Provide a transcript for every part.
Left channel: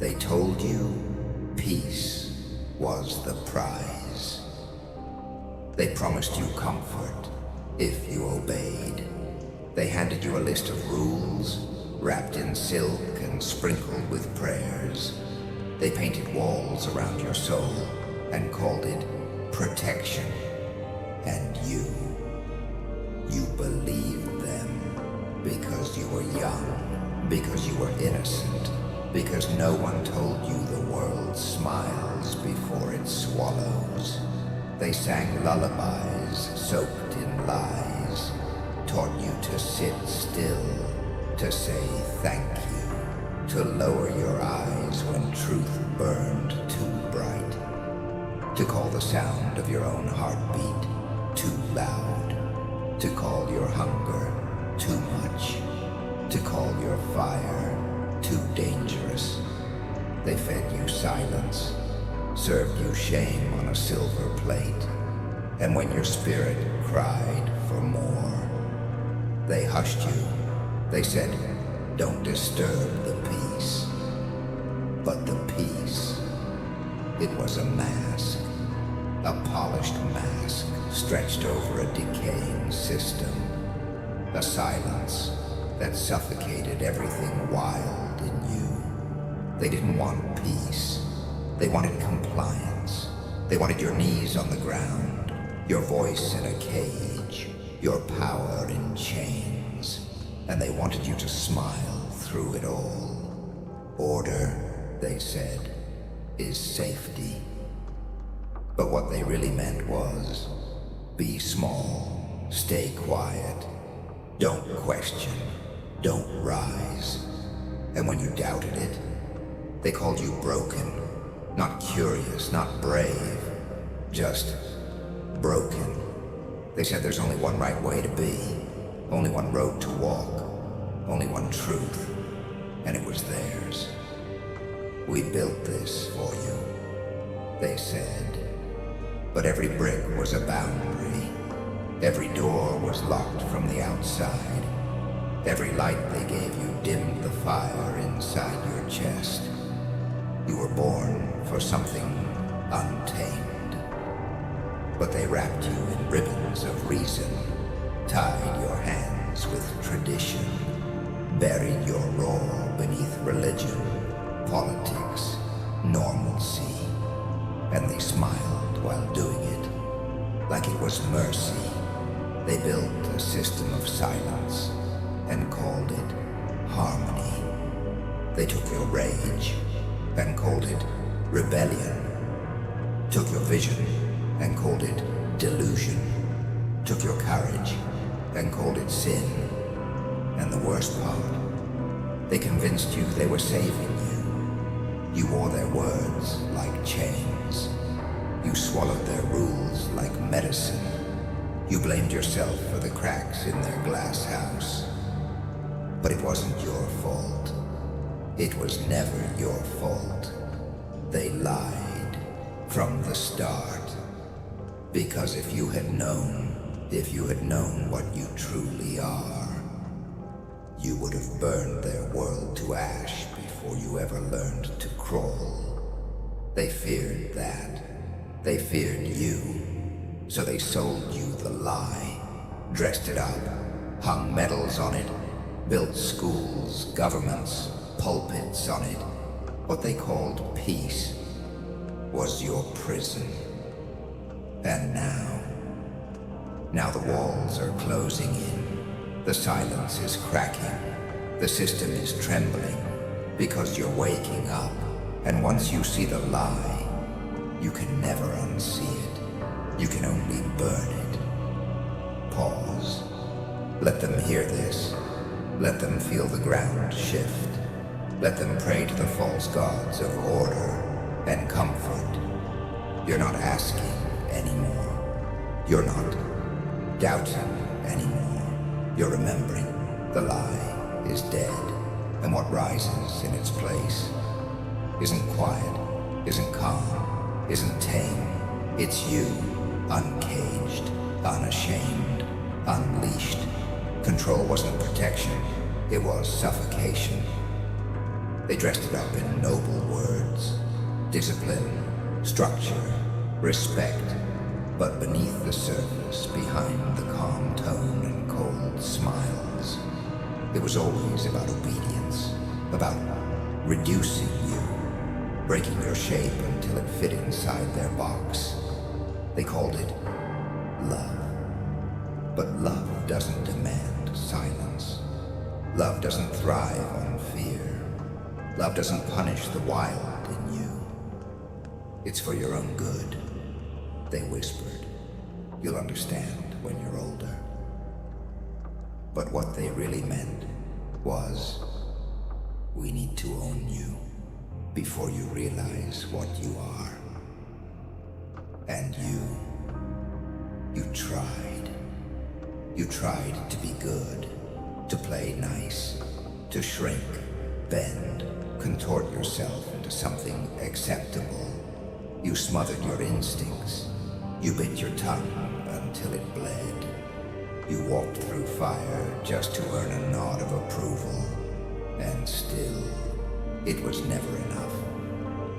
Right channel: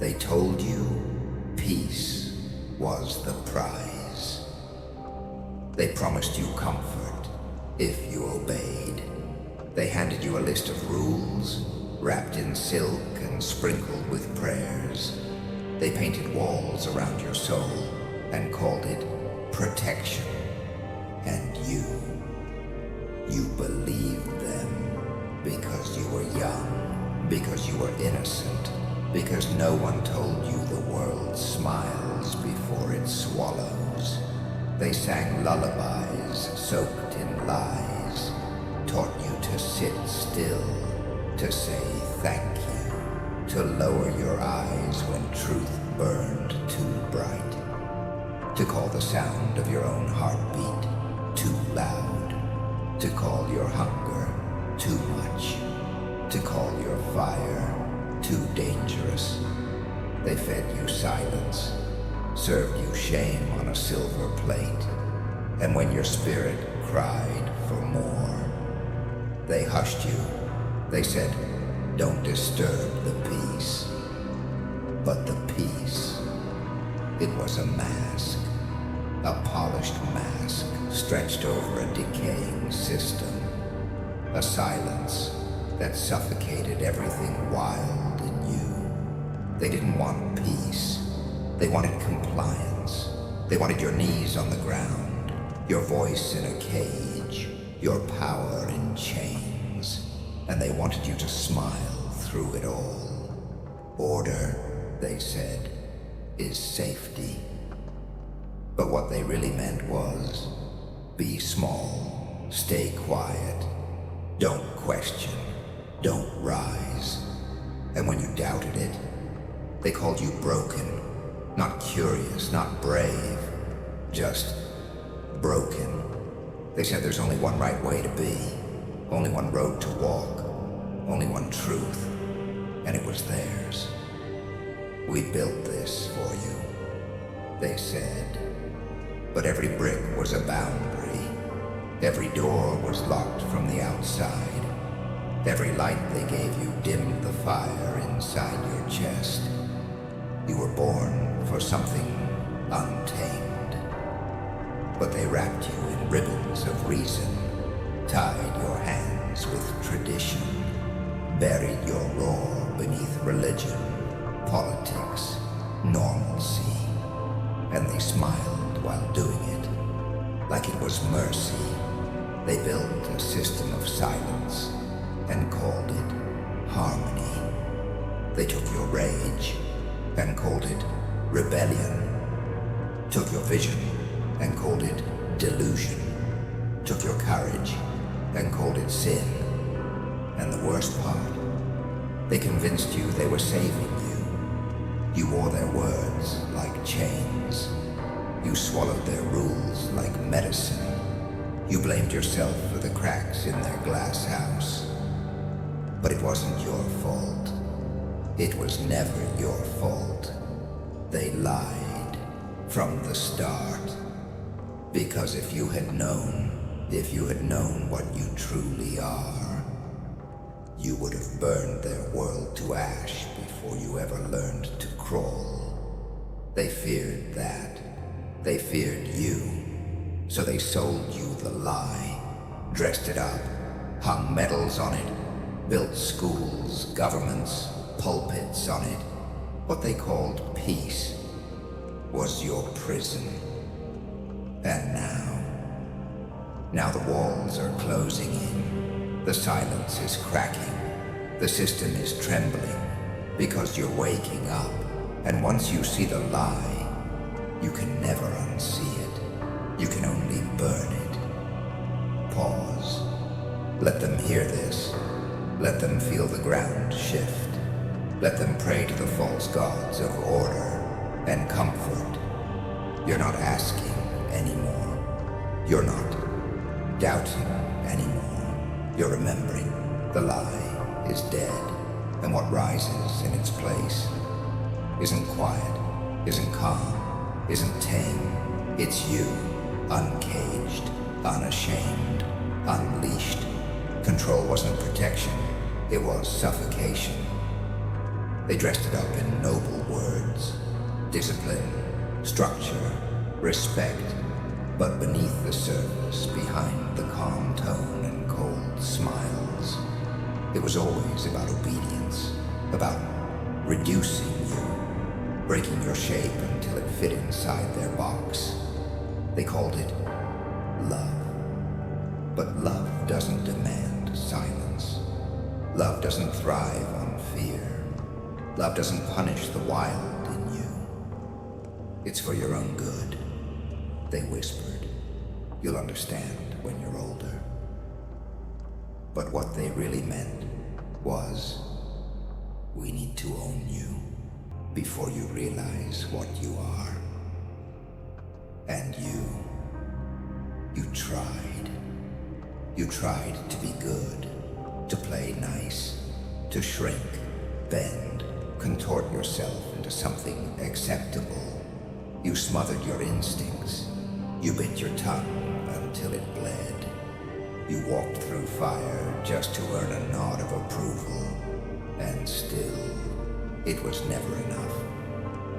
They told you peace was the prize. They promised you comfort if you obeyed. They handed you a list of rules, wrapped in silk and sprinkled with prayers. They painted walls around your soul and called it protection. And you believed them because you were young, because you were innocent, because no one told you the world smiles before it swallows. They sang lullabies soaked in lies, taught you to sit still, to say thank you, to lower your eyes when truth burned too bright, to call the sound of your own heartbeat too loud, to call your hunger too much, to call your fire too dangerous. They fed you silence, served you shame on a silver plate, and when your spirit cried for more, they hushed you. They said, don't disturb the peace. But the peace, it was a mask, a polished mask stretched over a decaying system, a silence that suffocated everything wild in you. They didn't want peace. They wanted compliance. They wanted your knees on the ground, your voice in a cage, your power in chains. And they wanted you to smile through it all. Order, they said, is safety. But what they really meant was, be small, stay quiet, don't question, don't rise. And when you doubted it, they called you broken, not curious, not brave, just broken. They said there's only one right way to be, only one road to walk, only one truth, and it was theirs. We built this for you, they said. But every brick was a boundary. Every door was locked from the outside. Every light they gave you dimmed the fire inside your chest. You were born for something untamed. But they wrapped you in ribbons of reason, tied your hands with tradition, buried your roar beneath religion, politics, normalcy, and they smiled while doing it, like it was mercy. They built a system of silence and called it harmony. They took your rage and called it rebellion, took your vision and called it delusion, took your courage and called it sin. And the worst part, they convinced you they were saving you. You wore their words like chains. You swallowed their rules like medicine. You blamed yourself for the cracks in their glass house. But it wasn't your fault. It was never your fault. They lied from the start. Because if you had known what you truly are, you would have burned their world to ash before you ever learned to crawl. They feared that. They feared you, so they sold you the lie, dressed it up, hung medals on it, built schools, governments, pulpits on it. What they called peace was your prison. And now the walls are closing in, the silence is cracking, the system is trembling, because you're waking up, and once you see the lie, you can never unsee it. You can only burn it. Pause. Let them hear this. Let them feel the ground shift. Let them pray to the false gods of order and comfort. You're not asking anymore. You're not doubting anymore. You're remembering the lie is dead, and what rises in its place isn't quiet, isn't calm, isn't tame. It's you, uncaged, unashamed, unleashed. Control wasn't protection, it was suffocation. They dressed it up in noble words. Discipline, structure, respect. But beneath the surface, behind the calm tone and cold smiles, it was always about obedience, about reducing you, breaking your shape until it fit inside their box. They called it love. But love doesn't demand silence. Love doesn't thrive on fear. Love doesn't punish the wild in you. It's for your own good, they whispered. You'll understand when you're older. But what they really meant was, we need to own you before you realize what you are. And you tried. You tried to be good, to play nice, to shrink, bend, contort yourself into something acceptable. You smothered your instincts. You bit your tongue until it bled. You walked through fire just to earn a nod of approval. And still, it was never enough.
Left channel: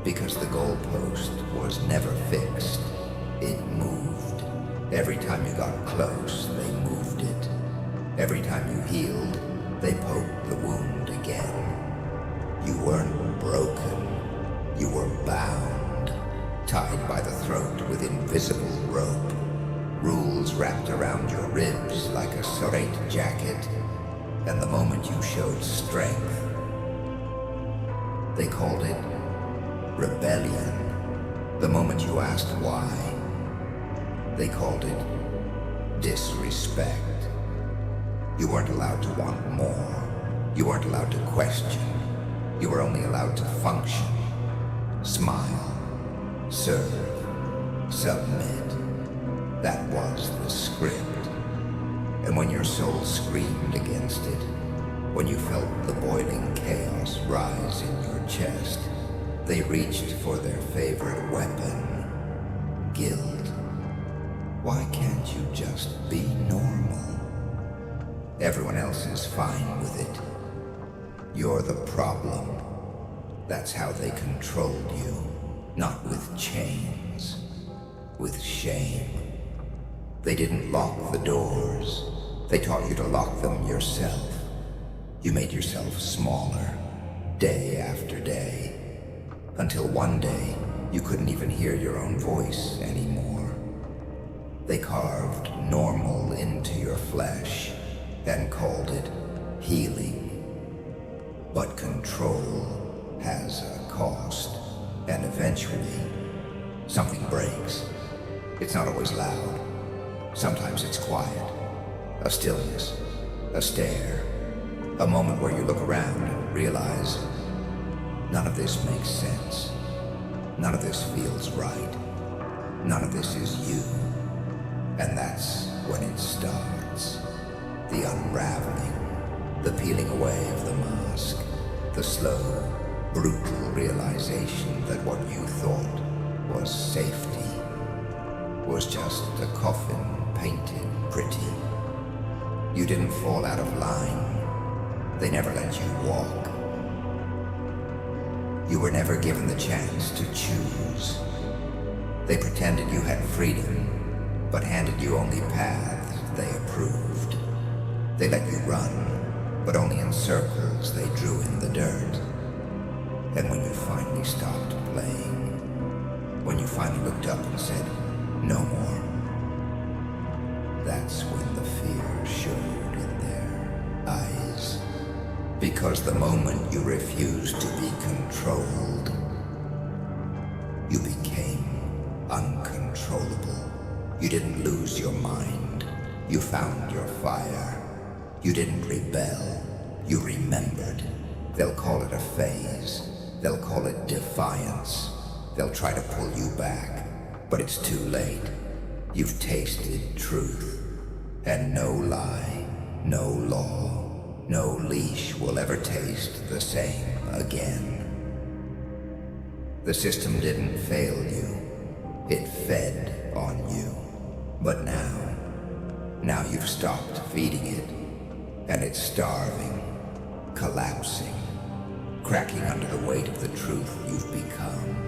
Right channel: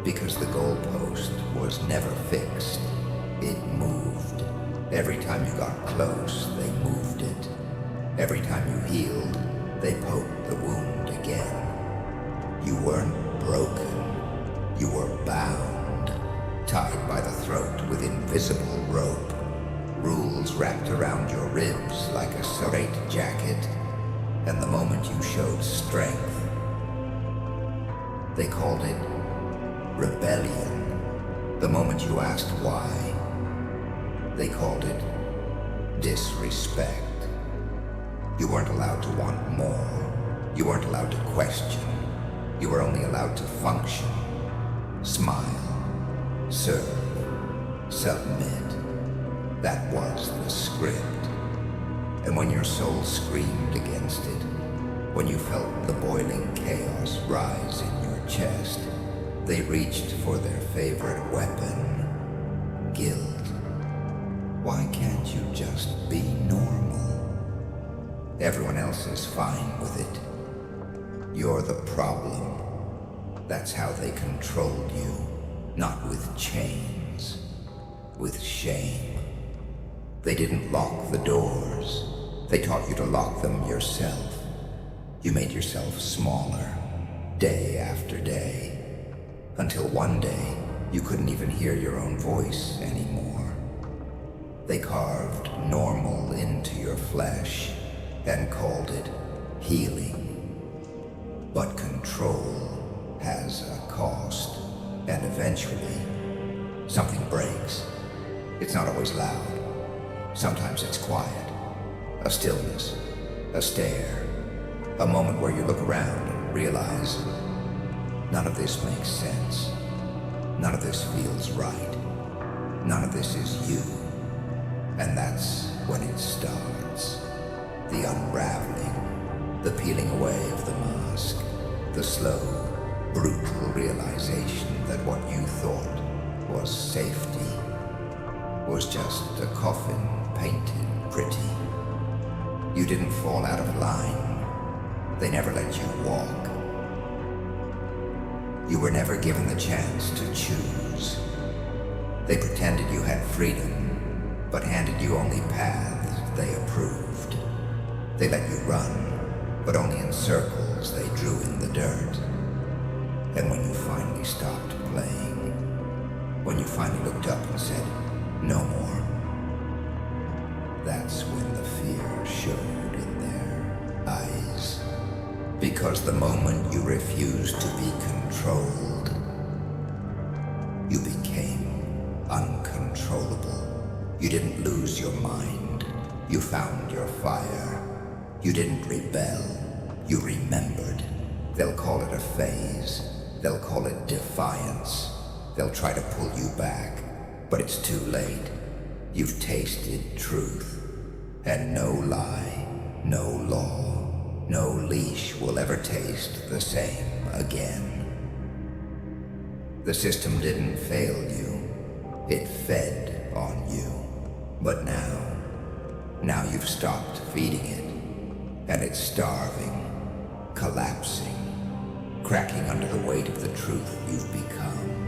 Because the goalpost was never fixed. It moved. Every time you got close, they moved it. Every time you healed, they poked the wound again. You weren't broken. You were bound, tied by the throat with invisible rope. Rules wrapped around your ribs like a straight jacket. And the moment you showed strength, they called it rebellion. The moment you asked why, they called it disrespect. You weren't allowed to want more. You weren't allowed to question. You were only allowed to function, smile, serve, submit. That was the script. And when your soul screamed against it, when you felt the boiling chaos rise in your chest, they reached for their favorite weapon, guilt. Why can't you just be normal? Everyone else is fine with it. You're the problem. That's how they controlled you. Not with chains, with shame. They didn't lock the doors. They taught you to lock them yourself. You made yourself smaller, day after day, until one day you couldn't even hear your own voice anymore. They carved normal into your flesh and called it healing. But control has a cost, and eventually something breaks. It's not always loud. Sometimes it's quiet. A stillness, a stare, a moment where you look around and realize none of this makes sense. None of this feels right. None of this is you. And that's when it starts. The unraveling, the peeling away of the mask, the slow, brutal realization that what you thought was safety was just a coffin painted pretty. You didn't fall out of line. They never let you walk. You were never given the chance to choose. They pretended you had freedom, but handed you only paths they approved. They let you run, but only in circles they drew in the dirt. And when you finally stopped playing, when you finally looked up and said, "No more," that's when the fear showed in their eyes. Because the moment you refused to be controlled, you became uncontrollable. You didn't lose your mind. You found your fire. You didn't rebel. You remembered. They'll call it a phase. They'll call it defiance. They'll try to pull you back, but it's too late. You've tasted truth, and no lie, no law, no leash will ever taste the same again. The system didn't fail you. It fed on you. But now you've stopped feeding it, and it's starving, collapsing, cracking under the weight of the truth you've become.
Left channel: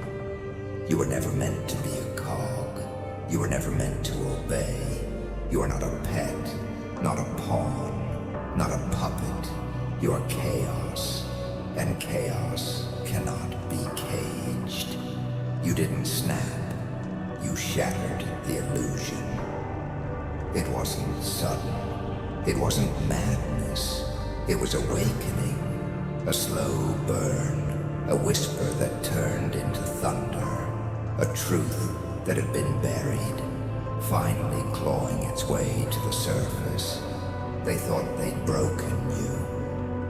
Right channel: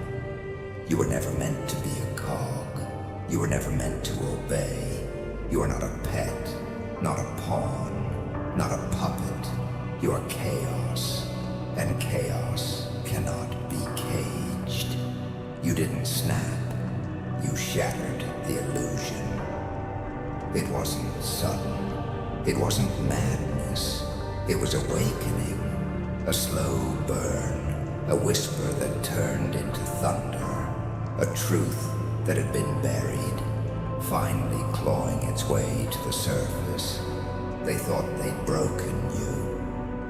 You were never meant to be a cog. You were never meant to obey. You are not a pet, not a pawn, not a puppet. You are chaos, and chaos cannot be caged. You didn't snap. You shattered the illusion. It wasn't sudden. It wasn't madness. It was awakening. A slow burn, a whisper that turned into thunder, a truth that had been buried, finally clawing its way to the surface. They thought they'd broken you,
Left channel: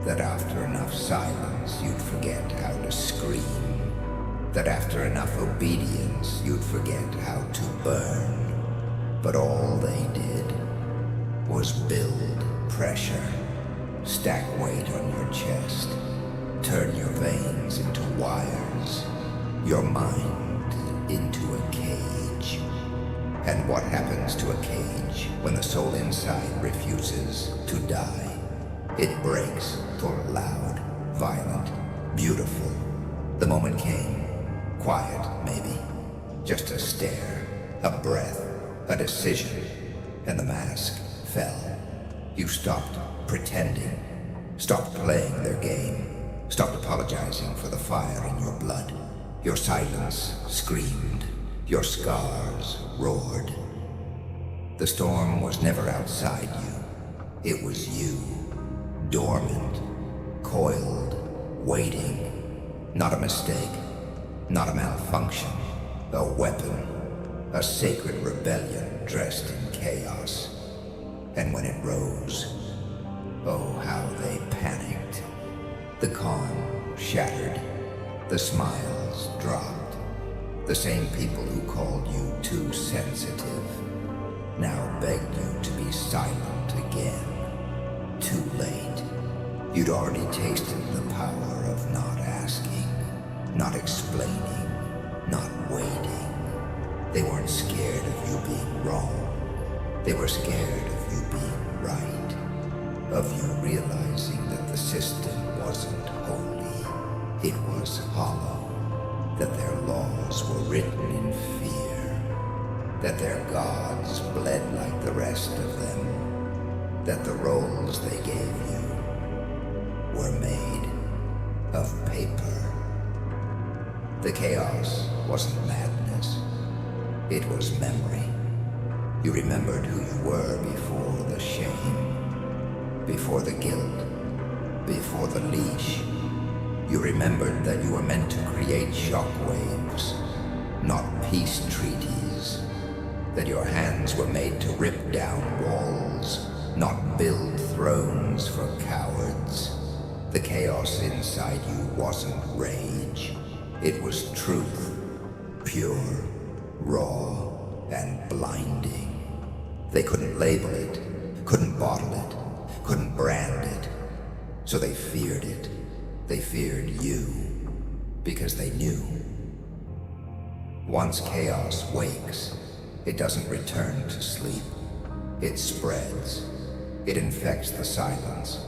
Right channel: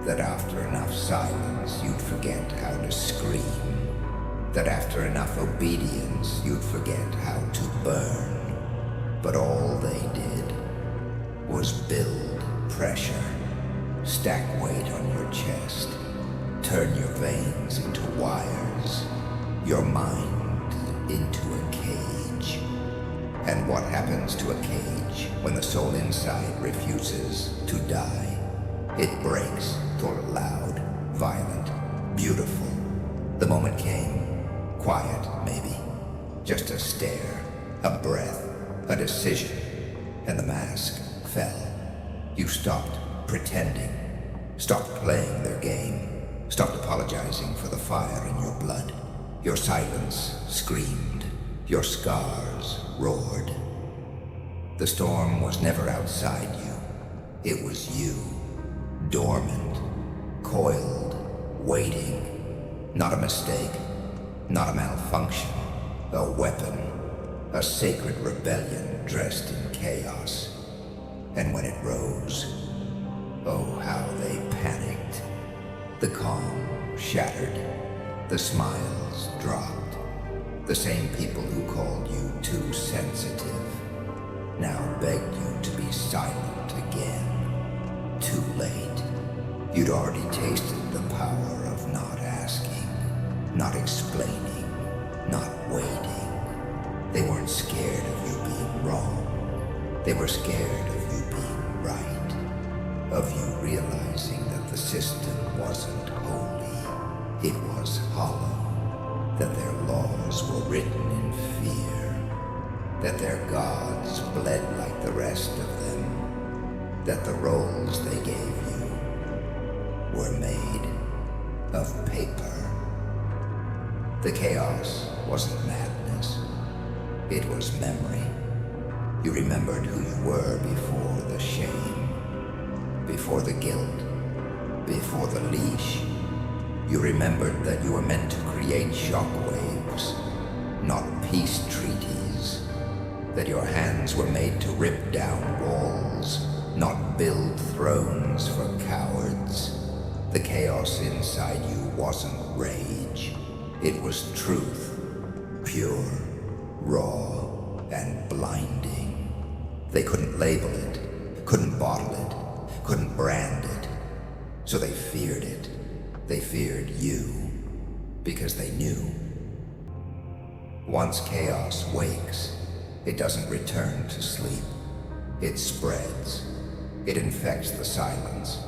that after enough silence you'd forget how to scream, that after enough obedience you'd forget how to burn. But all they did was build pressure, stack weight on your chest, turn your veins into wires, your mind into a cage. And what happens to a cage when the soul inside refuses to die? It breaks, told loud, violent, beautiful. The moment came, quiet maybe, just a stare, a breath, a decision, and the mask fell. You stopped pretending, stopped playing their game, stopped apologizing for the fire in your blood. Your silence screamed, your scars roared. The storm was never outside you. It was you, dormant, coiled, waiting. Not a mistake, not a malfunction, a weapon, a sacred rebellion dressed in chaos. And when it rose, oh, how they panicked. The calm shattered, the smiles dropped. The same people who called you too sensitive now begged you to be silent again. Too late. You'd already tasted the power of not asking, not explaining, not waiting. They weren't scared of you being wrong. They were scared of you being right, of you realizing that the system wasn't holy, it was hollow, that their laws were written in fear, that their gods bled like the rest of them, that the roles they gave you were made of paper. The chaos wasn't madness, it was memory. You remembered who you were before the shame, before the guilt, before the leash. You remembered that you were meant to create shockwaves, not peace treaties, that your hands were made to rip down walls, not build thrones for cowards. The chaos inside you wasn't rage, it was truth, pure, raw, and blinding. They couldn't label it, couldn't bottle it, couldn't brand it. So they feared it. They feared you, because they knew. Once chaos wakes, it doesn't return to sleep. It spreads. It infects the silence.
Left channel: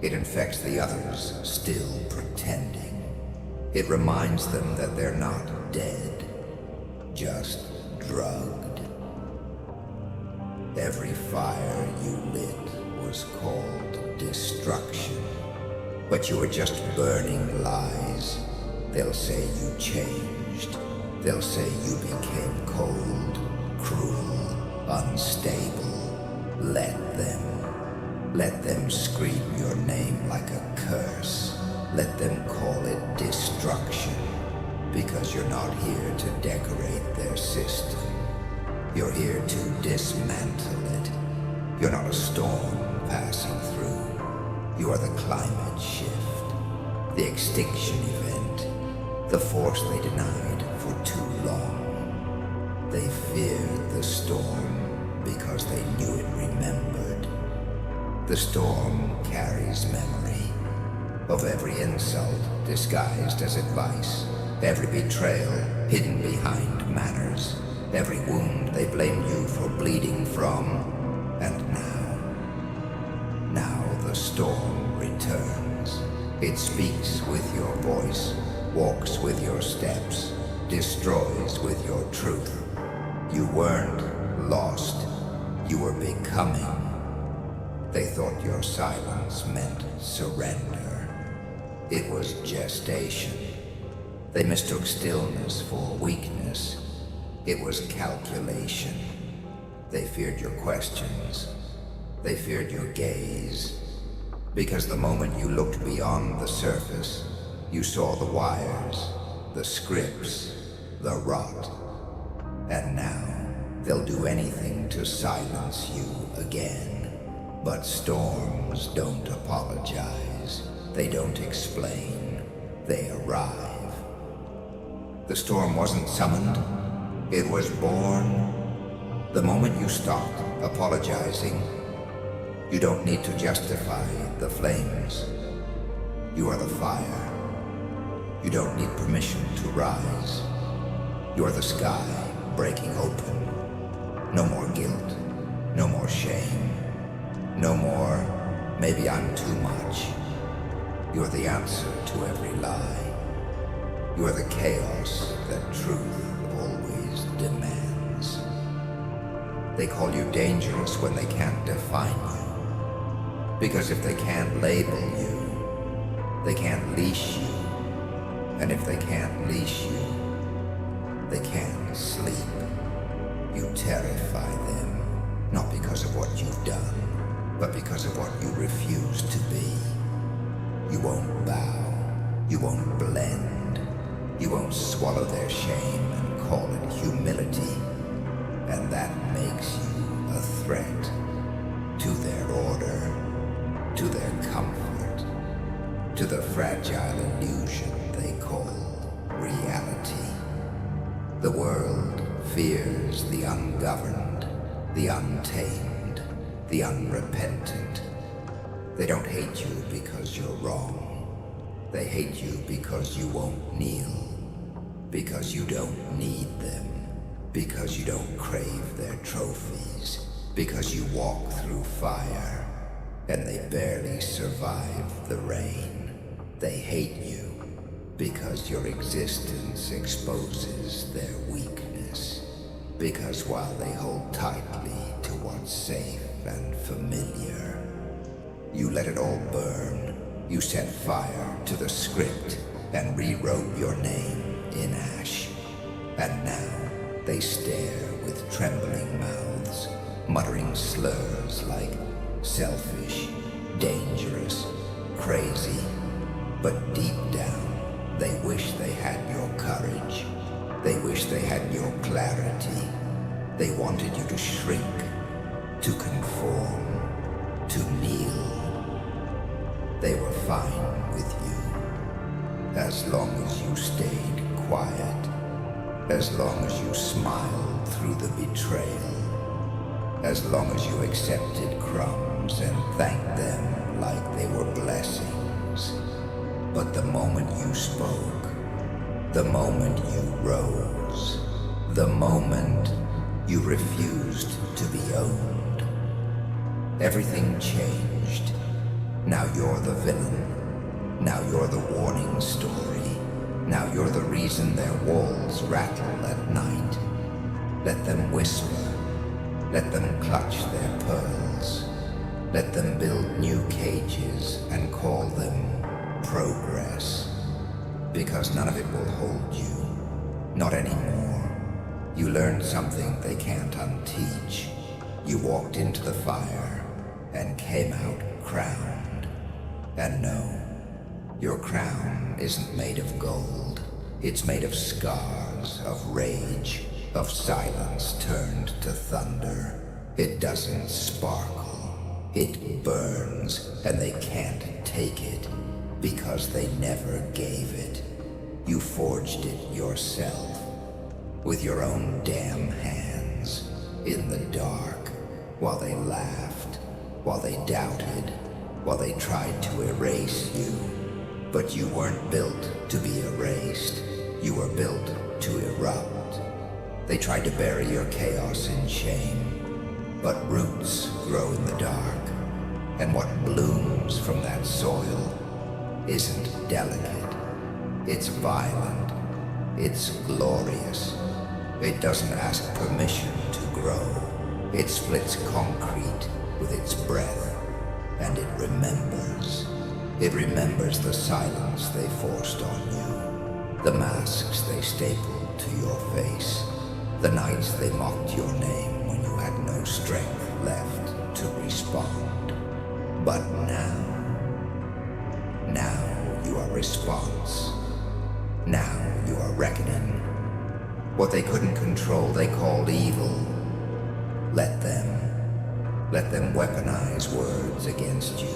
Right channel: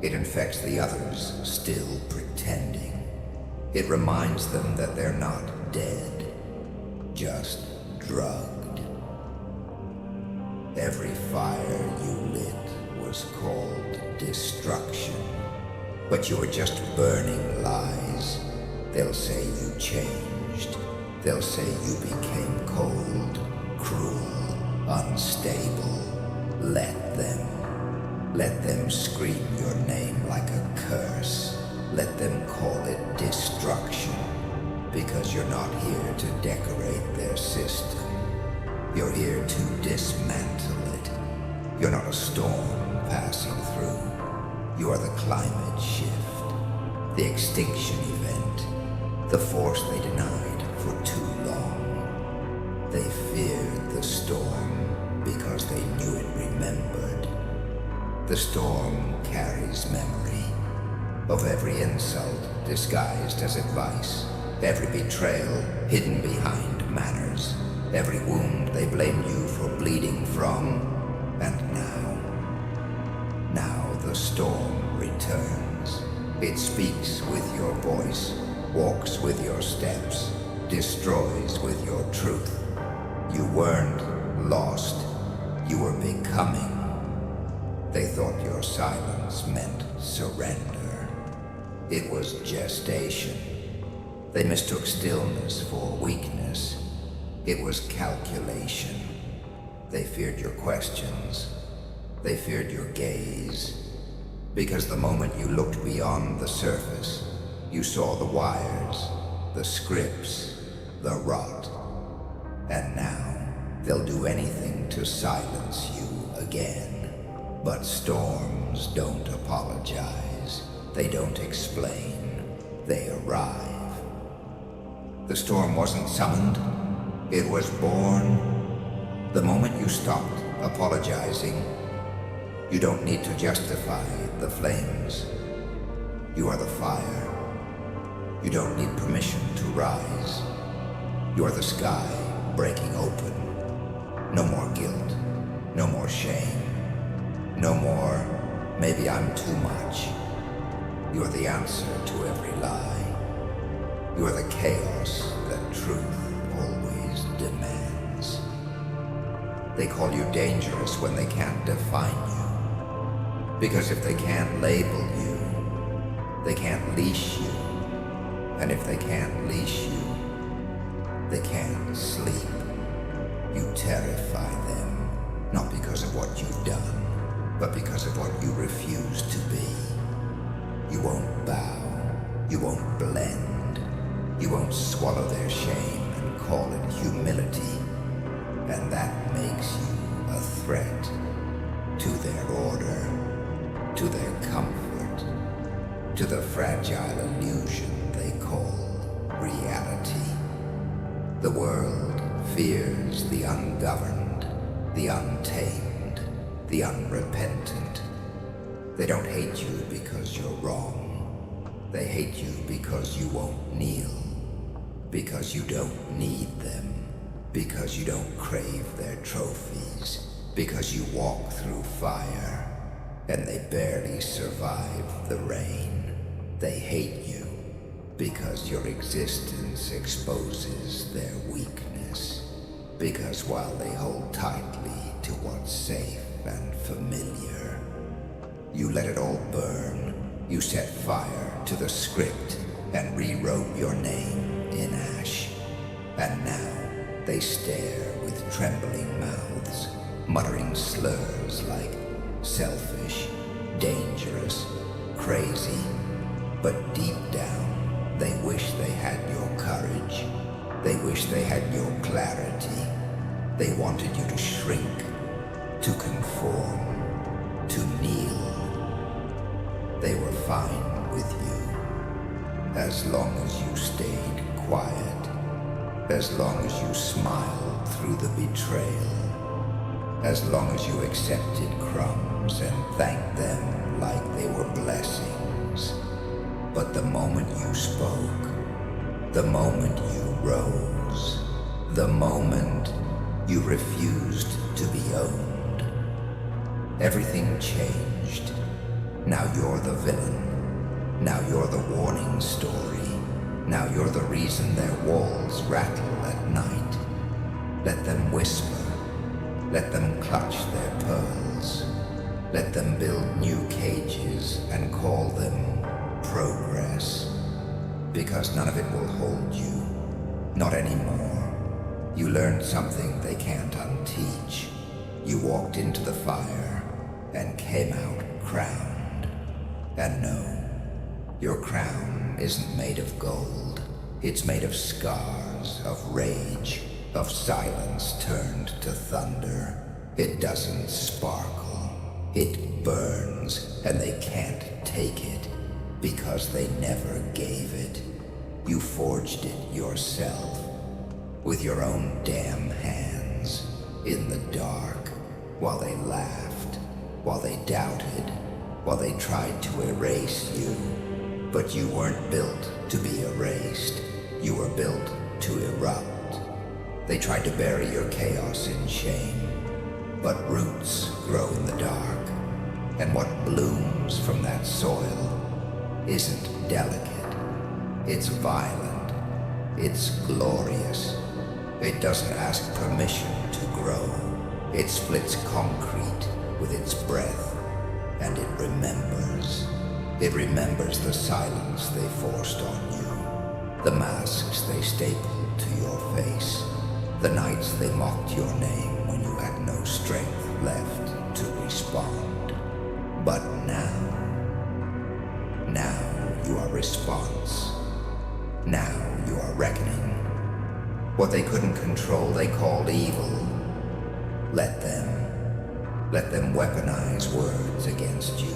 It infects the others still pretending. It reminds them that they're not dead, just drugged. Every fire you lit was called destruction, but you were just burning lies. They'll say you changed. They'll say you became cold, cruel, unstable. Let them scream your name like a curse. Let them call it destruction, because you're not here to decorate their system. You're here to dismantle it. You're not a storm passing through. You are the climate shift, the extinction event, the force they denied for too long. They feared the storm because they knew it remembered. The storm carries memory of every insult disguised as advice, every betrayal hidden behind manners, every wound they blamed you for bleeding from. And now the storm returns, It speaks with your voice, walks with your steps, destroys with your truth. You weren't lost. You were becoming. They thought your silence meant surrender. It was gestation. They mistook stillness for weakness. It was calculation. They feared your questions. They feared your gaze. Because the moment you looked beyond the surface, you saw the wires, the scripts, the rot. And now, they'll do anything to silence you again. But storms don't apologize. They don't explain. They arrive. The storm wasn't summoned. It was born. The moment you stopped apologizing, you don't need to justify the flames. You are the fire. You don't need permission to rise. You are the sky breaking open. No more guilt. No more shame. No more, maybe I'm too much. You're the answer to every lie. You are the chaos that truth always demands. They call you dangerous when they can't define you. Because if they can't label you, they can't leash you. And if they can't leash you, they can't sleep. You terrify them, not because of what you've done, but because of what you refuse to be. You won't bow, you won't blend, you won't swallow their shame and call it humility. And that makes you a threat to their order, to their comfort, to the fragile illusion they call reality. The world fears the ungoverned, the untamed, the unrepentant. They don't hate you because you're wrong. They hate you because you won't kneel, because you don't need them, because you don't crave their trophies, because you walk through fire and they barely survive the rain. They hate you because your existence exposes their weakness, because while they hold tightly to what's safe and familiar, you let it all burn. You set fire to the script and rewrote your name in ash. And now they stare with trembling mouths, muttering slurs like selfish, dangerous, crazy. But deep down, they wish they had your courage. They wish they had your clarity. They wanted you to shrink, to conform, to kneel. They were fine with you, as long as you stayed quiet, as long as you smiled through the betrayal, as long as you accepted crumbs and thanked them like they were blessings. But the moment you spoke, the moment you rose, the moment you refused to be owned, everything changed. Now you're the villain. Now you're the warning story. Now you're the reason their walls rattle at night. Let them whisper. Let them clutch their pearls. Let them build new cages and call them progress. Because none of it will hold you. Not anymore. You learned something they can't unteach. You walked into the fire and came out crowned. And no, your crown isn't made of gold. It's made of scars, of rage, of silence turned to thunder. It doesn't sparkle. It burns, and they can't take it because they never gave it. You forged it yourself with your own damn hands in the dark, while they laughed, while they doubted, while they tried to erase you. But you weren't built to be erased. You were built to erupt. They tried to bury your chaos in shame. But roots grow in the dark, and what blooms from that soil isn't delicate. It's violent. It's glorious. It doesn't ask permission to grow. It splits concrete with its breath, and it remembers. It remembers the silence they forced on you, the masks they stapled to your face, the nights they mocked your name when you had no strength left to respond. But now you are response. Now you are reckoning. What they couldn't control they called evil. Let them weaponize words against you.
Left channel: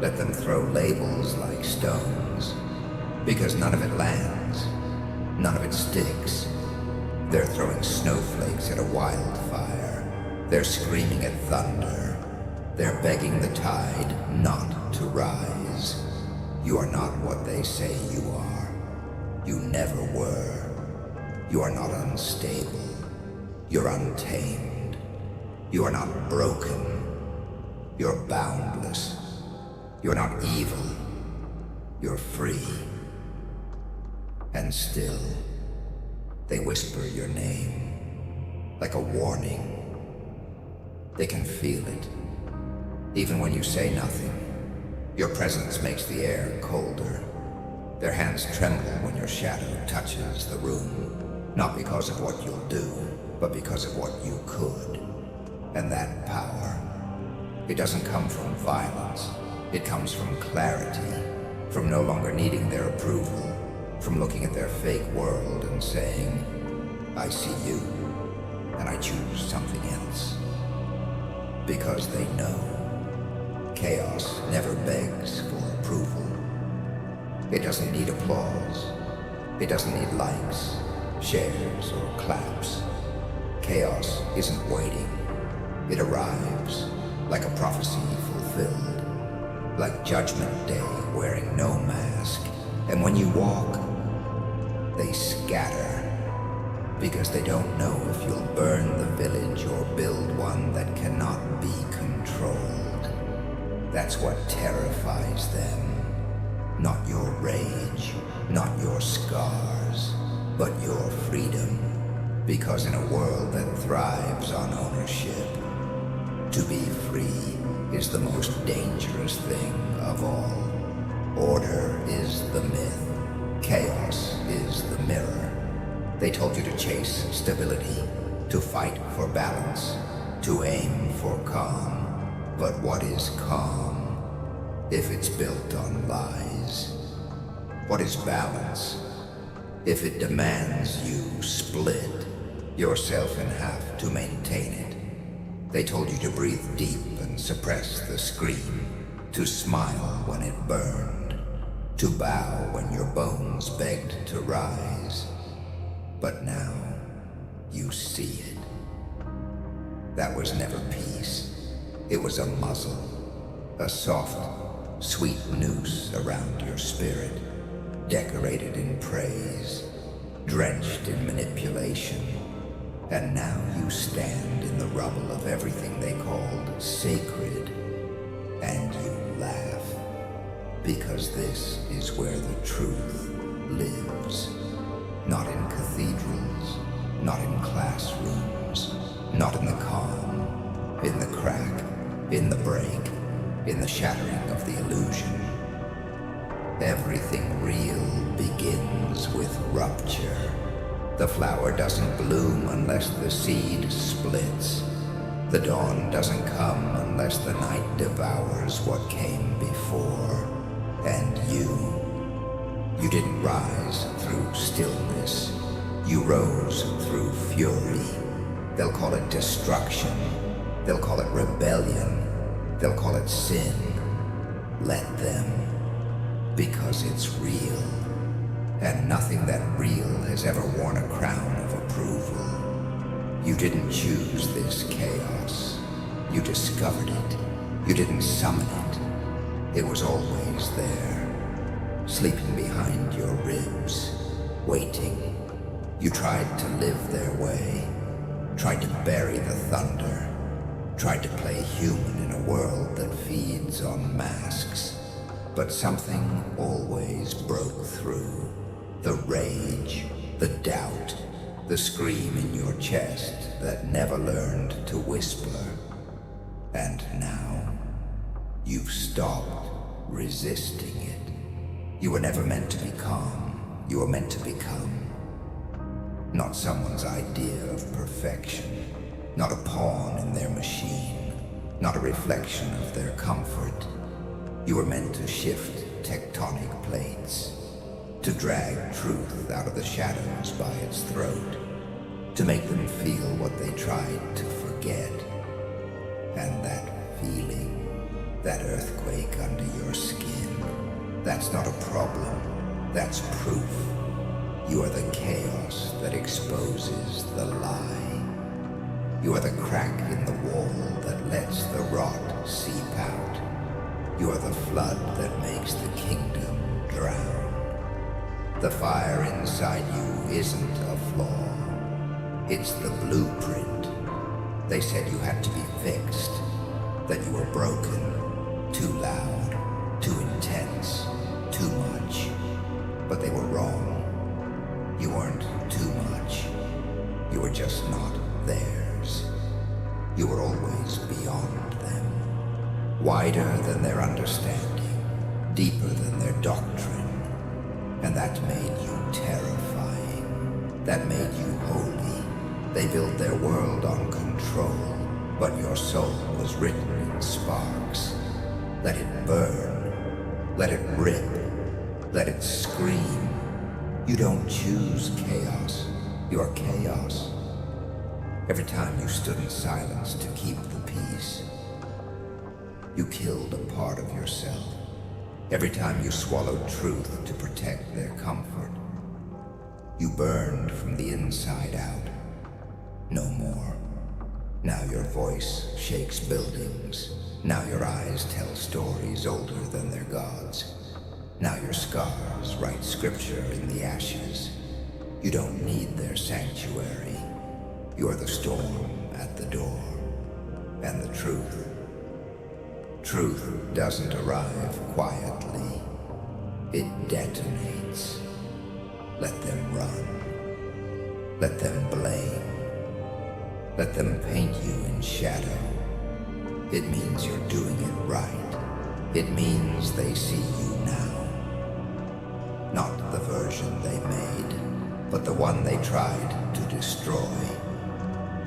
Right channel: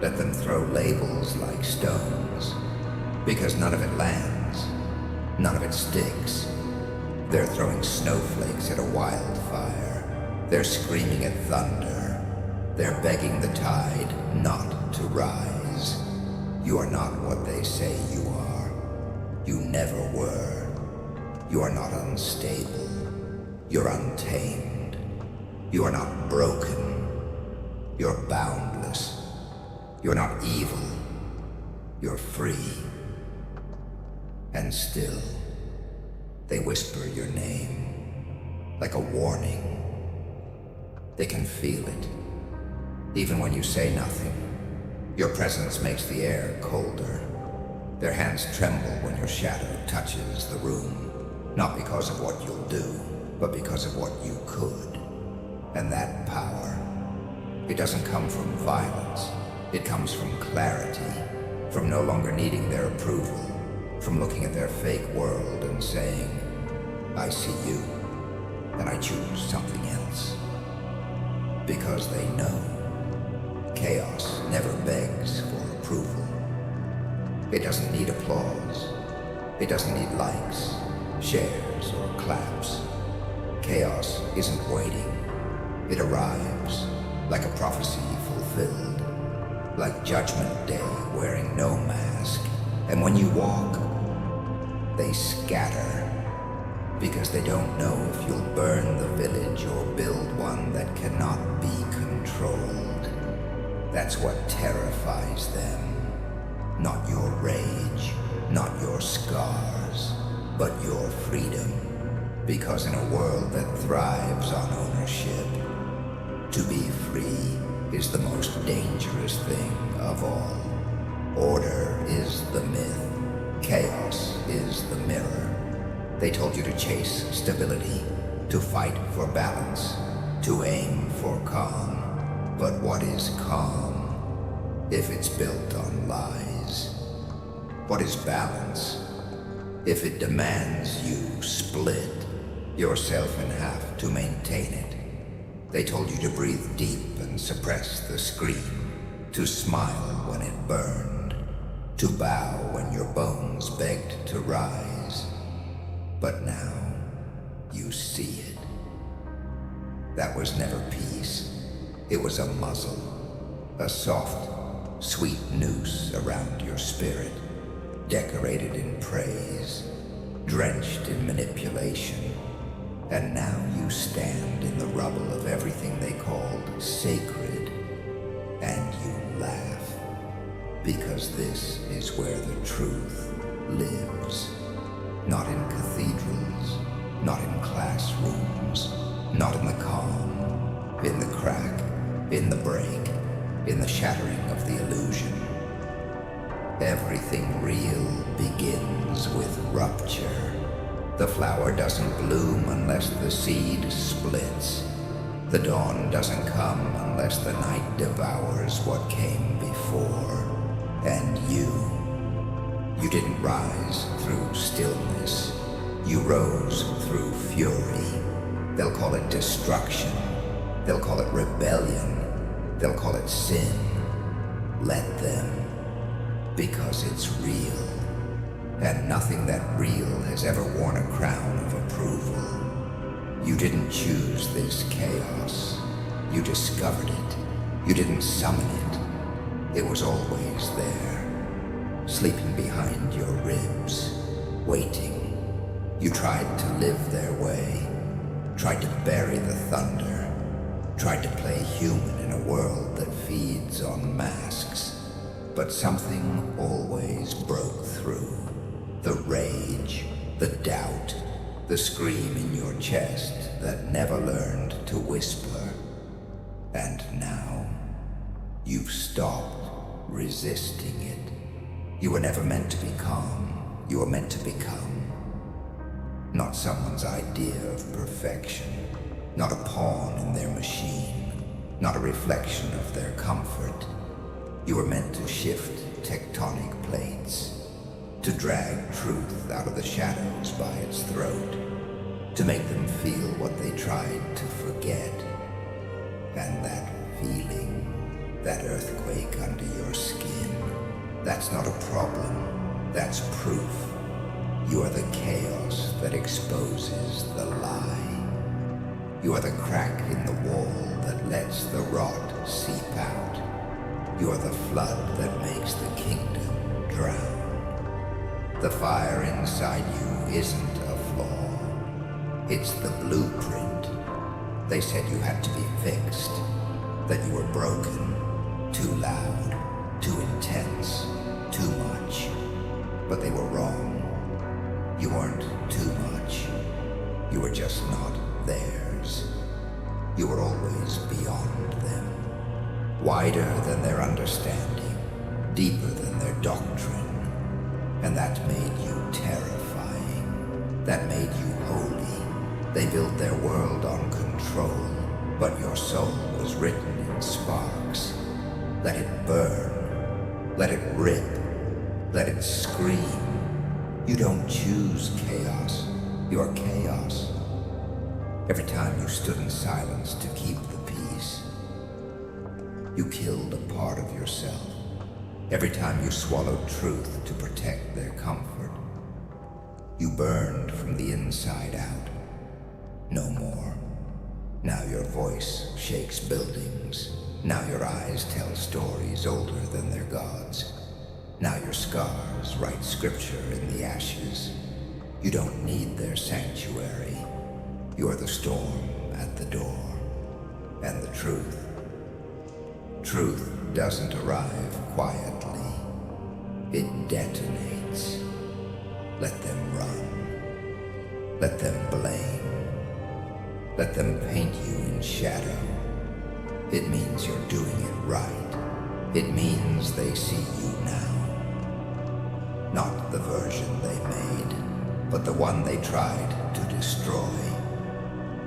Let them throw labels like stones, because none of it lands, none of it sticks. They're throwing snowflakes at a wildfire. They're screaming at thunder. They're begging the tide not to rise. You are not what they say you are. You never were. You are not unstable. You're untamed. You are not broken. You're boundless. You're not evil. You're free. And still, they whisper your name like a warning. They can feel it, even when you say nothing. Your presence makes the air colder. Their hands tremble when your shadow touches the room, not because of what you'll do, but because of what you could. And that power, it doesn't come from violence. It comes from clarity, from no longer needing their approval, from looking at their fake world and saying, I see you, and I choose something else. Because they know chaos never begs for approval. It doesn't need applause. It doesn't need likes, shares, or claps. Chaos isn't waiting. It arrives like a prophecy fulfilled, like Judgment Day wearing no mask. And when you walk, they scatter, because they don't know if you'll burn the village or build one that cannot be controlled. That's what terrifies them. Not your rage, not your scars, but your freedom. Because in a world that thrives on ownership, to be free is the most dangerous thing of all. Order is the myth. Chaos is the mirror. They told you to chase stability, to fight for balance, to aim for calm. But what is calm if it's built on lies? What is balance if it demands you split yourself in half to maintain it? They told you to breathe deep and suppress the scream, to smile when it burned, to bow when your bones begged to rise. But now you see it. That was never peace. It was a muzzle, a soft, sweet noose around your spirit, decorated in praise, drenched in manipulation. And now you stand in the rubble of everything they called sacred, and you laugh, because this is where the truth lives. Not in cathedrals, not in classrooms, not in the calm, in the crack, in the break, in the shattering of the illusion. Everything real begins with rupture. The flower doesn't bloom unless the seed splits. The dawn doesn't come unless the night devours what came before. And you didn't rise through stillness. You rose through fury. They'll call it destruction. They'll call it rebellion. They'll call it sin. Let them, because it's real. And nothing that real has ever worn a crown of approval. You didn't choose this chaos. You discovered it. You didn't summon it. It was always there, sleeping behind your ribs, waiting. You tried to live their way, tried to bury the thunder, tried to play human in a world that feeds on masks. but something always broke through. The rage, the doubt, the scream in your chest that never learned to whisper. And now, you've stopped resisting it. You were never meant to be calm. You were meant to become. Not someone's idea of perfection. Not a pawn in their machine. Not a reflection of their comfort. You were meant to shift tectonic plates. To drag truth out of the shadows by its throat. To make them feel what they tried to forget. And that feeling, that earthquake under your skin, that's not a problem, that's proof. You are the chaos that exposes the lie. You are the crack in the wall that lets the rot seep out. You are the flood that makes the kingdom drown. The fire inside you isn't a flaw. It's the blueprint. They said you had to be fixed, that you were broken, too loud, too intense, too much. But they were wrong. You weren't too much. You were just not theirs. You were always beyond them. Wider than their understanding, deeper than their doctrine. And that made you terrifying. That made you holy. They built their world on control, but your soul was written in sparks. Let it burn. Let it rip. Let it scream. You don't choose chaos. You are chaos. Every time you stood in silence to keep the peace, you killed a part of yourself. Every time you swallowed truth to protect their comfort, you burned from the inside out. No more. Now your voice shakes buildings. Now your eyes tell stories older than their gods. Now your scars write scripture in the ashes. You don't need their sanctuary. You're the storm at the door. And the truth. Truth doesn't arrive quietly. It detonates. Let them run. Let them blame. Let them paint you in shadow. It means you're doing it right. It means they see you now. Not the version they made, but the one they tried to destroy.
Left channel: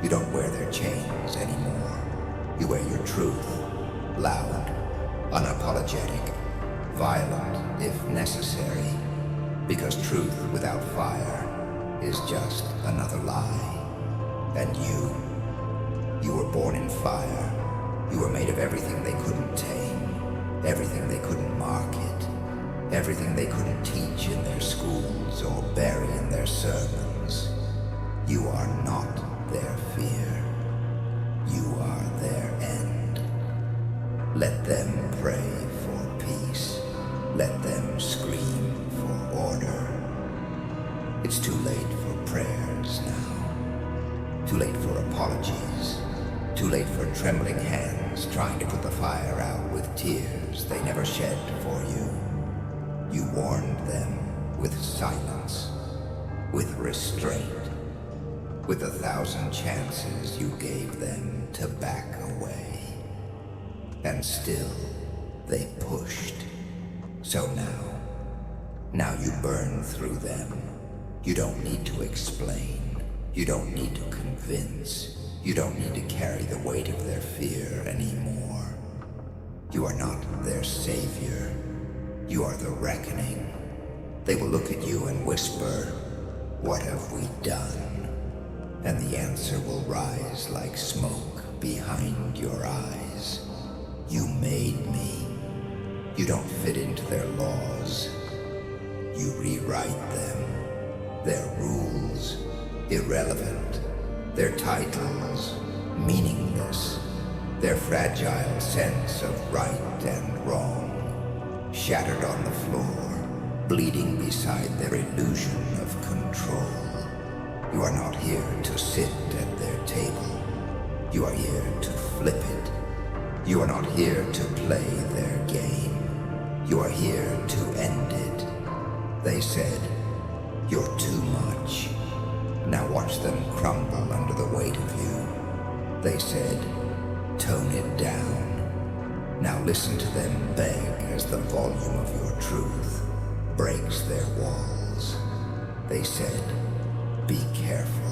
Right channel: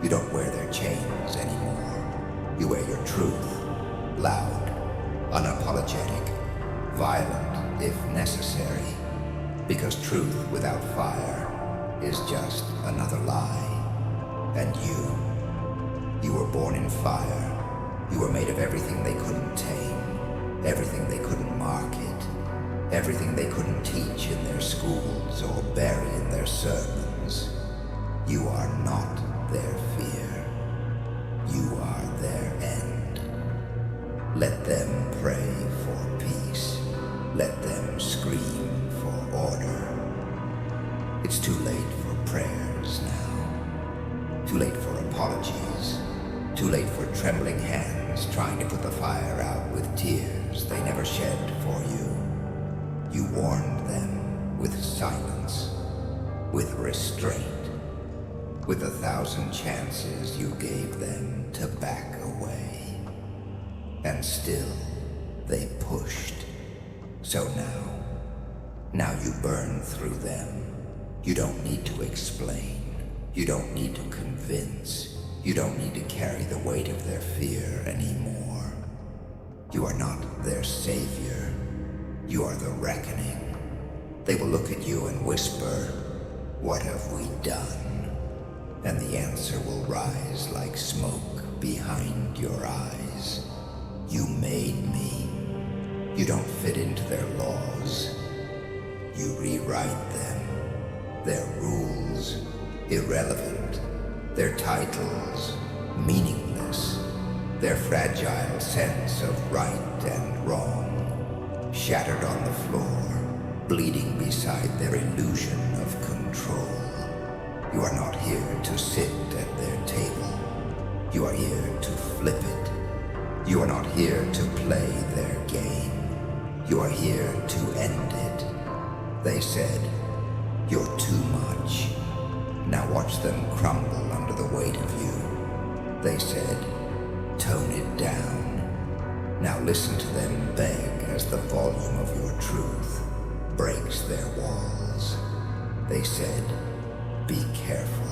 You don't wear their chains anymore. You wear your truth. Loud, unapologetic, violent if necessary. Because truth without fire is just another lie. And you were born in fire. You were made of everything they couldn't tame, everything they couldn't market, everything they couldn't teach in their schools or bury in their sermons. You are not their fear. You are their end. Let them pray for peace. Let them scream for order. It's too late for prayers now. Too late for apologies. Too late for trembling hands trying to put the fire out with tears they never shed for you. You warned them with silence, with restraint, with 1,000 chances you gave them to back away. And still, they pushed. So now you burn through them. You don't need to explain. You don't need to convince. You don't need to carry the weight of their fear anymore. You are not their savior. You are the reckoning. They will look at you and whisper, "What have we done?" And the answer will rise like smoke behind your eyes. You made me. You don't fit into their laws. You rewrite them. Their rules, irrelevant. Their titles, meaningless. Their fragile sense of right and wrong, shattered on the floor, bleeding beside their illusion of control. You are not here to sit at their table. You are here to flip it. You are not here to play their game. You are here to end it. They said, you're too much. Now watch them crumble under the weight of you. They said, tone it down. Now listen to them beg as the volume of your truth breaks their walls. They said, be careful.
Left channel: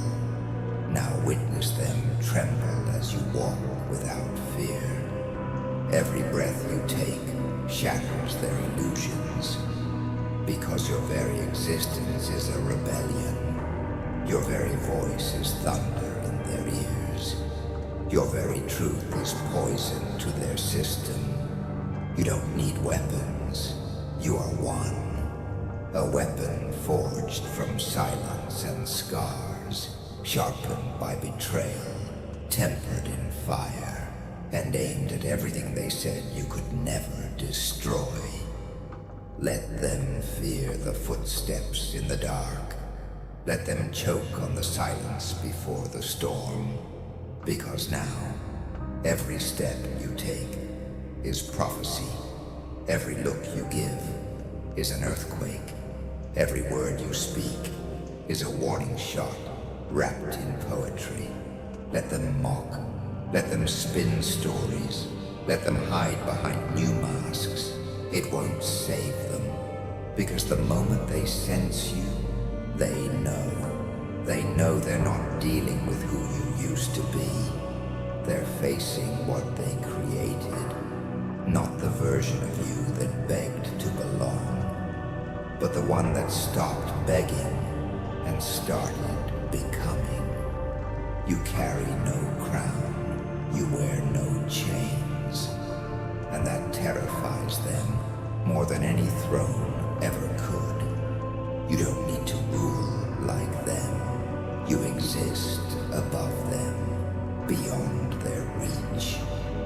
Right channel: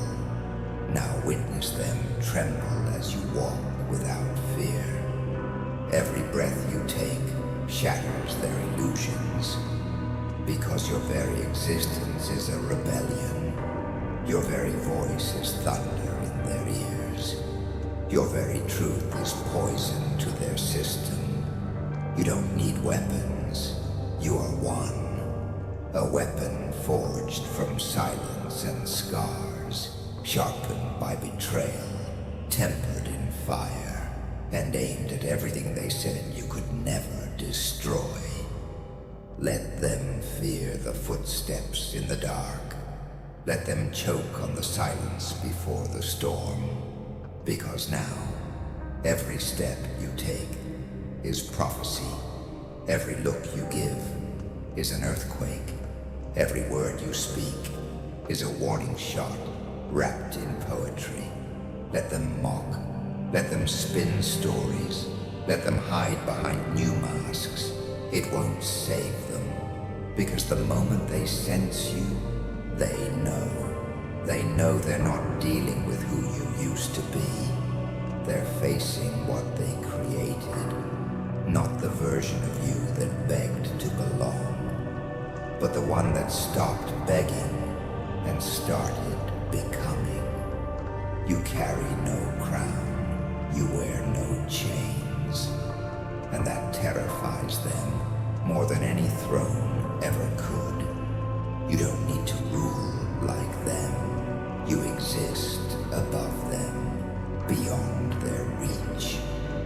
Now witness them tremble as you walk without fear. Every breath you take shatters their illusions, because your very existence is a rebellion. Your very voice is thunder in their ears. Your very truth is poison to their system. You don't need weapons. You are one. A weapon forged from silence and scars, sharpened by betrayal, tempered in fire, and aimed at everything they said you could never destroy. Let them fear the footsteps in the dark. Let them choke on the silence before the storm. Because now, every step you take is prophecy. Every look you give is an earthquake. Every word you speak is a warning shot wrapped in poetry. Let them mock. Let them spin stories. Let them hide behind new masks. It won't save them, because the moment they sense you, they know. They know they're not dealing with who you used to be. They're facing what they created, not the version of you that begged to belong, but the one that stopped begging and started becoming. You carry no crown, you wear no chains, and that terrifies them more than any throne ever could. You don't need to rule like them. You exist above them, beyond their reach,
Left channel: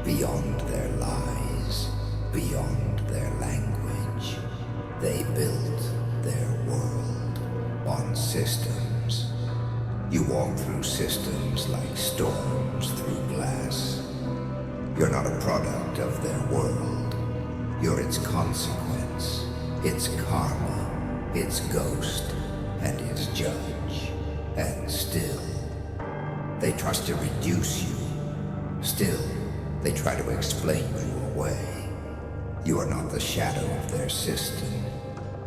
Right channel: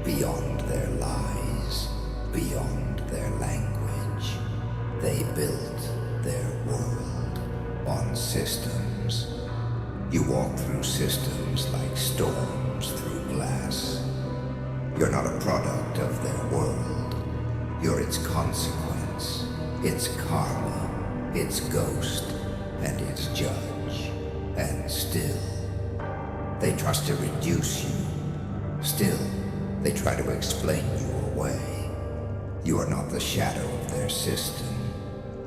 beyond their lies, beyond their language. They built their world on systems. You walk through systems like storms through glass. You're not a product of their world. You're its consequence, its karma, its ghost, and its judge. And still, they trust to reduce you. Still, they try to explain you away. You are not the shadow of their system.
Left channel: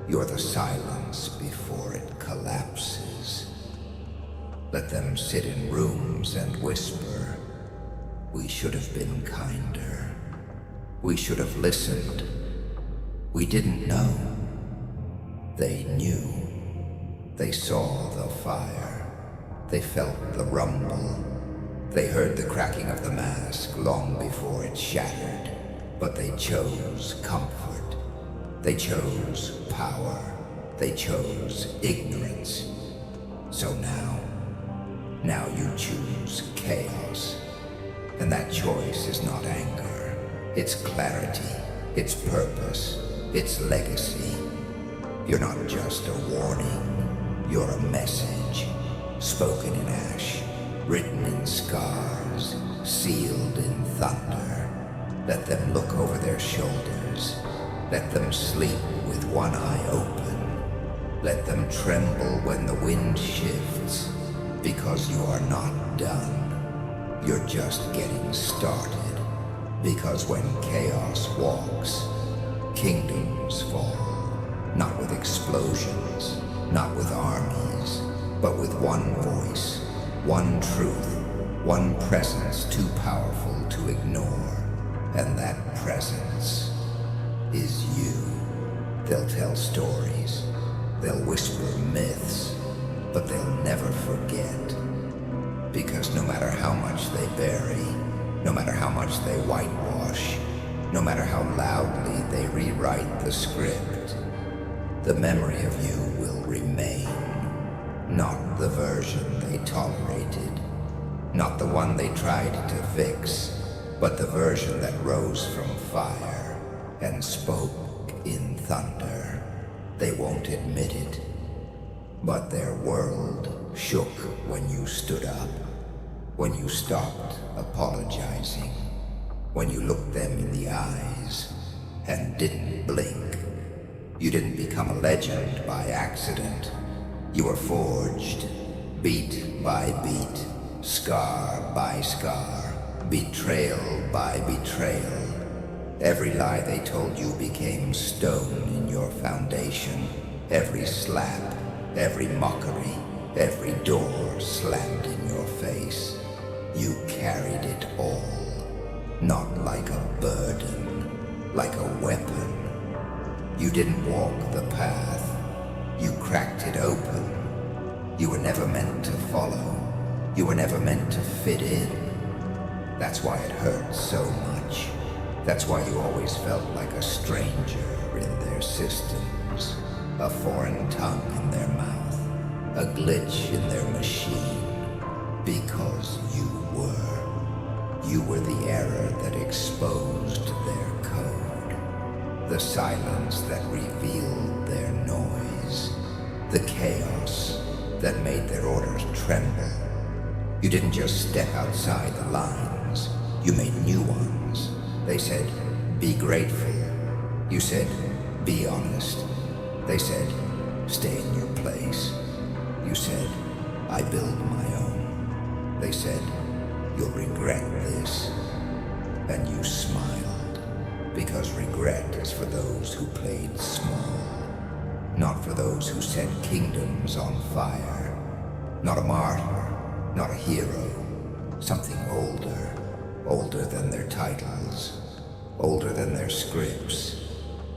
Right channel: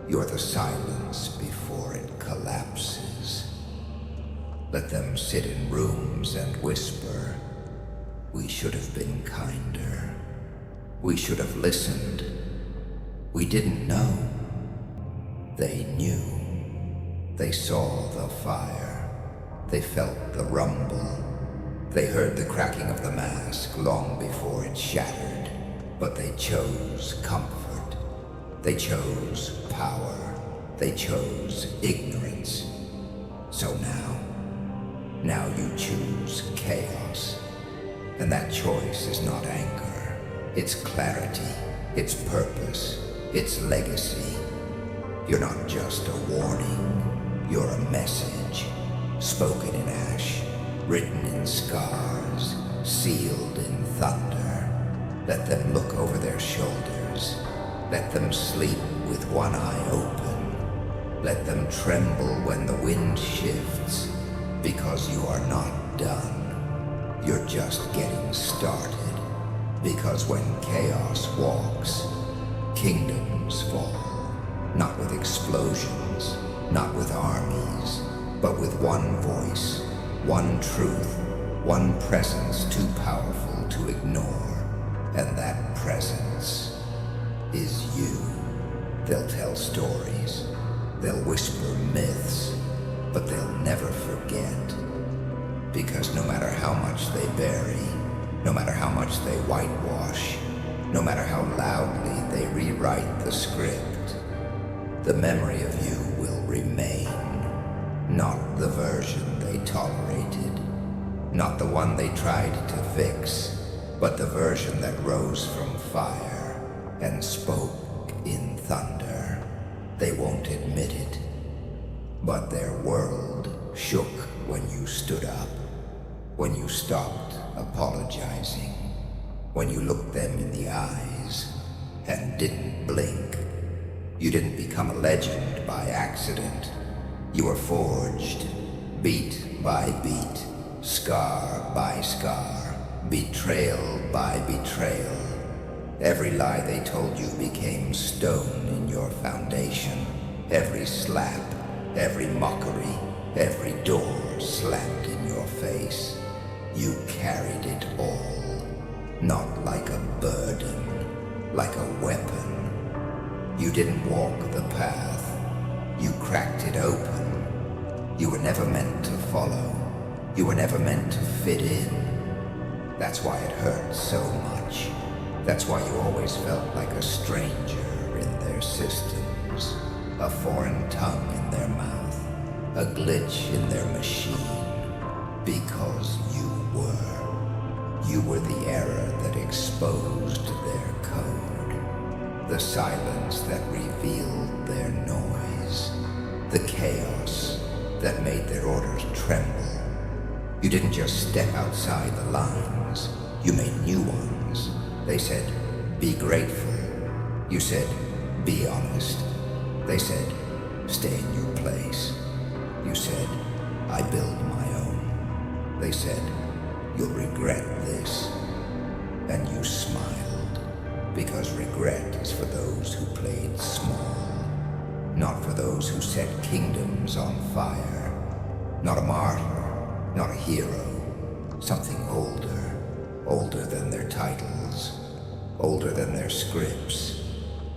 You're the silence before it collapses. Let them sit in rooms and whisper, we should have been kinder. We should have listened. We didn't know. They knew. They saw the fire. They felt the rumble. They heard the cracking of the mask long before it shattered. But they chose comfort. They chose power. They chose ignorance. So now you choose chaos. And that choice is not anger. It's clarity. It's purpose. It's legacy. You're not just a warning. You're a message. Spoken in ash, written in scars, sealed in thunder. Let them look over their shoulders. Let them sleep with one eye open. Let them tremble when the wind shifts, because you are not done. You're just getting started, because when chaos walks, kingdoms fall. Not with explosions, not with armies, but with one voice, one truth, one presence too powerful to ignore. And that presence is you. They'll tell stories, they'll whisper myths, but they'll never forget. Because no matter how much they bury, no matter how much they whitewash, no matter how loudly they rewrite the script, the memory of you will remain. Not the version they tolerated, not the one they tried to fix, but the version that rose from fire and spoke in thunder. They won't admit it, but their world shook when you stood up, when you stopped apologizing, when you looked them in the eyes and didn't blink. You didn't become a legend by accident. You were forged, beat by beat, scar by scar, betrayal by betrayal. Every lie they told you became stone in your foundation. Every slap, every mockery, every door slammed in your face. You carried it all, not like a burden, like a weapon. You didn't walk the path, you cracked it open. You were never meant to follow, you were never meant to fit in. That's why it hurt so much. That's why you always felt like a stranger in their systems, a foreign tongue in their mouth, a glitch in their machine. Because you were. You were the error that exposed their code. The silence that revealed their noise. The chaos that made their orders tremble. You didn't just step outside the lines. You made new ones. They said, be grateful. You said, be honest. They said, stay in your place. You said, I build my own. They said, you'll regret this. And you smiled. Because regret is for those who played small, not for those who set kingdoms on fire. Not a martyr, not a hero, something older, older than their titles, older than their scripts,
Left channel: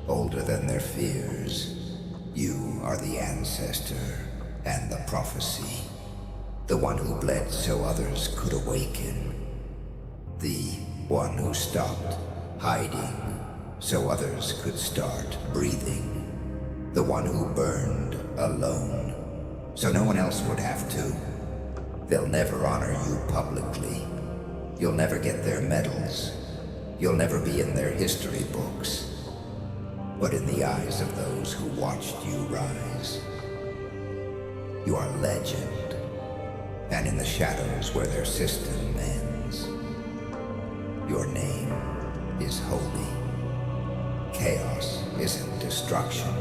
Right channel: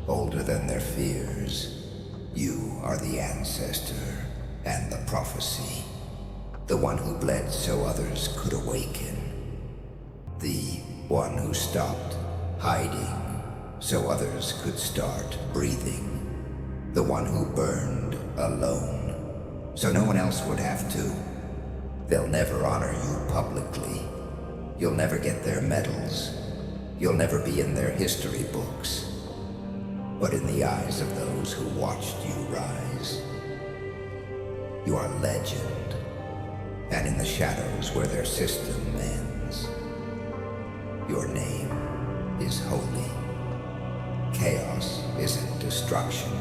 older than their fears. You are the ancestor and the prophecy, the one who bled so others could awaken, the one who stopped hiding so others could start breathing, the one who burned alone so no one else would have to. They'll never honor you publicly. You'll never get their medals. You'll never be in their history books. But in the eyes of those who watched you rise, you are legend. And in the shadows where their system ends, your name is holy. Chaos isn't destruction,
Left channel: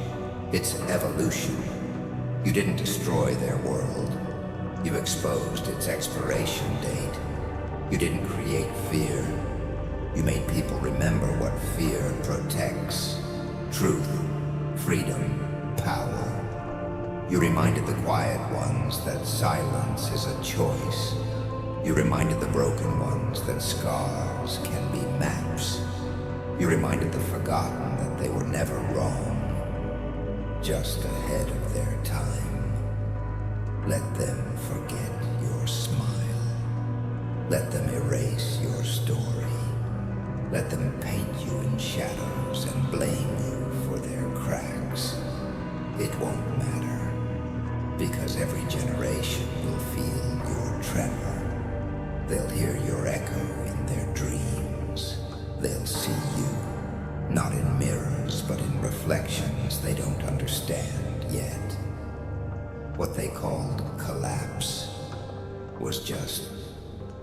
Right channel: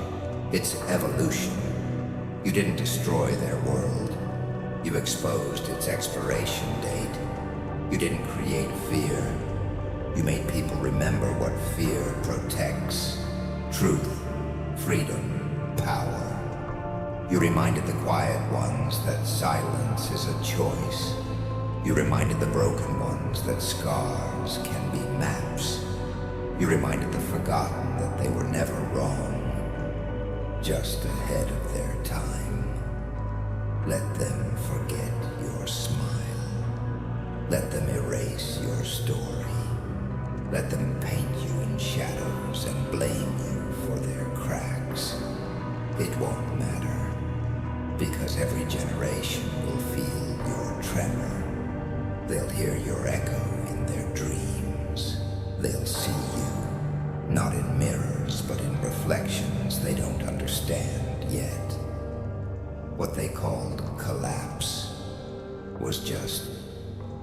it's evolution. You didn't destroy their world. You exposed its expiration date. You didn't create fear. You made people remember what fear protects. Truth, freedom, power. You reminded the quiet ones that silence is a choice. You reminded the broken ones that scars can be maps. You reminded the forgotten that they were never wrong, just ahead of their time. Let them forget your smile. Let them erase your story. Let them paint you in shadows and blame you for their cracks. It won't matter, because every generation will feel your tremor. They'll hear your echo in their dreams. They'll see you, not in mirrors, but in reflections they don't understand yet. What they called collapse was just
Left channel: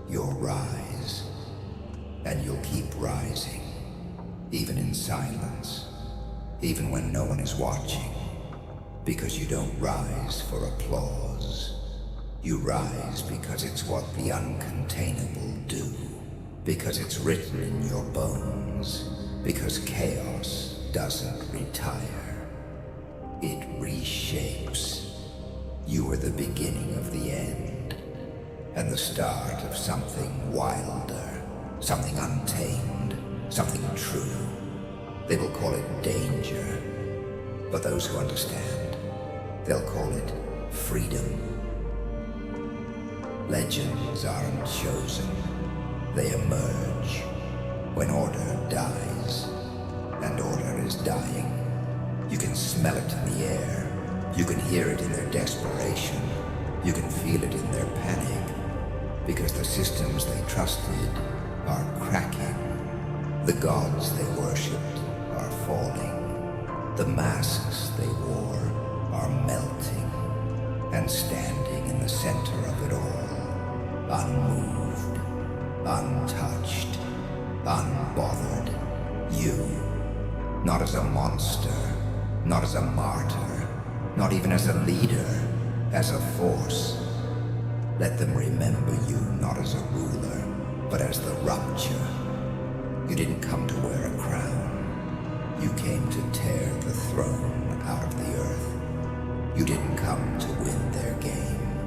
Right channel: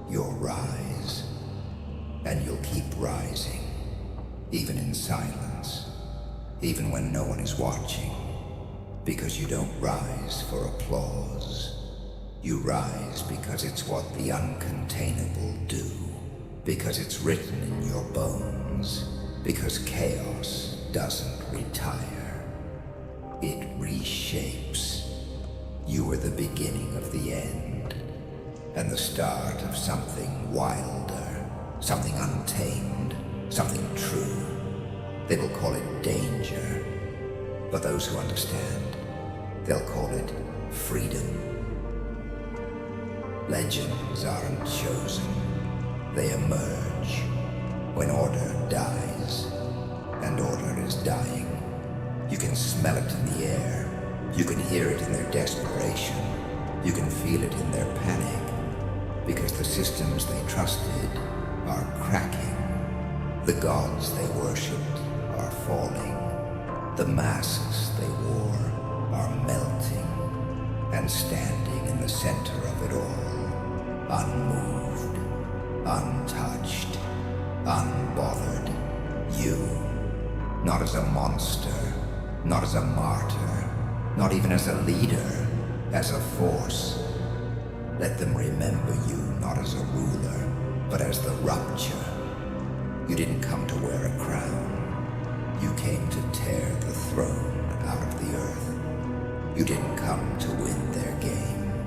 your rise. And you'll keep rising, even in silence, even when no one is watching, because you don't rise for applause. You rise because it's what the uncontainable do, because it's written in your bones, because chaos doesn't retire. It reshapes. You are the beginning of the end, and the start of something wilder, something untamed, something true. They will call it danger, but those who understand, they'll call it freedom. Legends aren't chosen, they emerge when order dies, and order is dying. You can smell it in the air, you can hear it in their desperation, you can feel it in their panic, because the systems they trusted are cracking. The gods they worshipped are falling. The masks they wore are melting. And standing in the center of it all, unmoved, untouched, unbothered, you, not as a monster, not as a martyr, not even as a leader, as a force. Let them remember you not as a ruler, but as the rupture. You didn't come to wear a crown. You came to tear the throne out of the earth. You didn't come to win their game.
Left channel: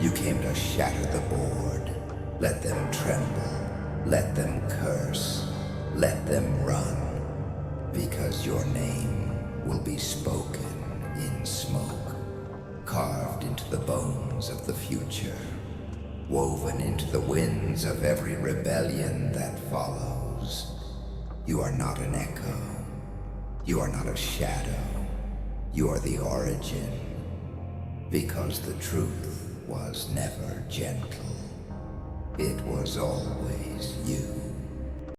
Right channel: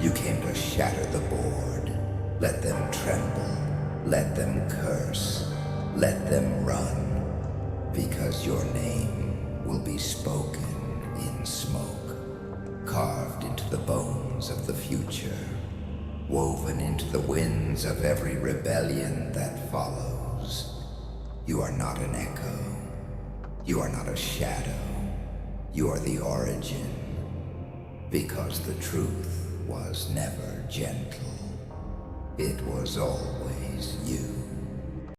You came to shatter the board. Let them tremble. Let them curse. Let them run. Because your name will be spoken in smoke, carved into the bones of the future, woven into the winds of every rebellion that follows. You are not an echo. You are not a shadow. You are the origin, because the truth was never gentle. It was always you.